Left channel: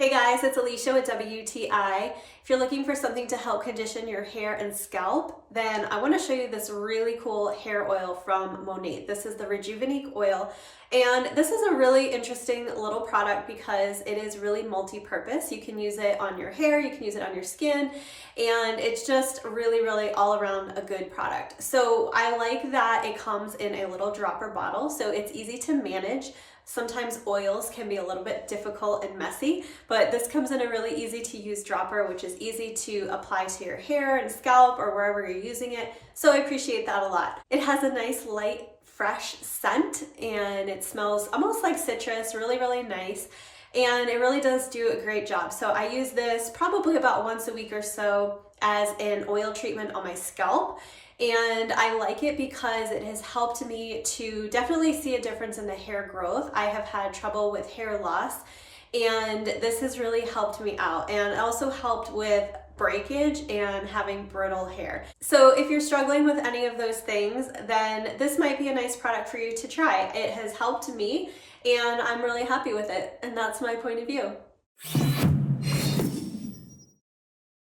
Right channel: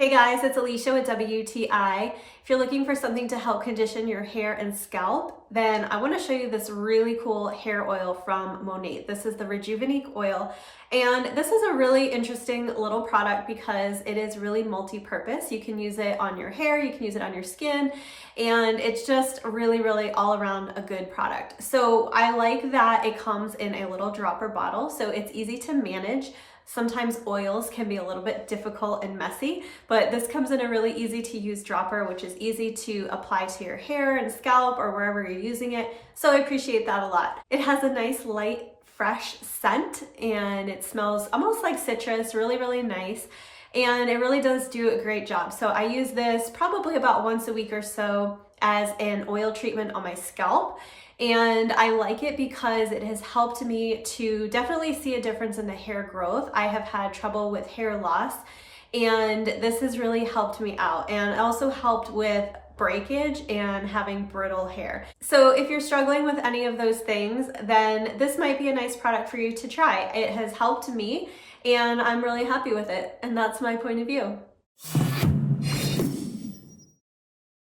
Hey guys, it's Alicia with WTI. If you're looking for something to help condition your hair and scalp, then I want to show you this really cool hair oil from Monat. This is the Rejuvenique oil, and this is a really interesting little product because it is really multi-purpose. You can use it on your hair, you can use it on your skin, and it's just really all around a good product. So I like that it comes in a little dropper bottle, so it's easy to manage. Sometimes oils can be a little bit difficult and messy, but this comes in a really easy to use dropper, which is easy to apply to your hair and scalp or wherever you're using it. So I appreciate that a lot. It has a nice light, fresh scent, and it smells almost like citrus, really nice. And it really does do a great job. So I use this probably about once a week or so as an oil treatment on my scalp. And I like it because it has helped me to definitely see a difference in the hair growth. I have had trouble with hair loss, and this has really helped me out. And it also helped with breakage and having brittle hair. So if you're struggling with any of those things, then this might be a nice product for you to try. It has helped me, and I'm really happy with it. And that's my point of view.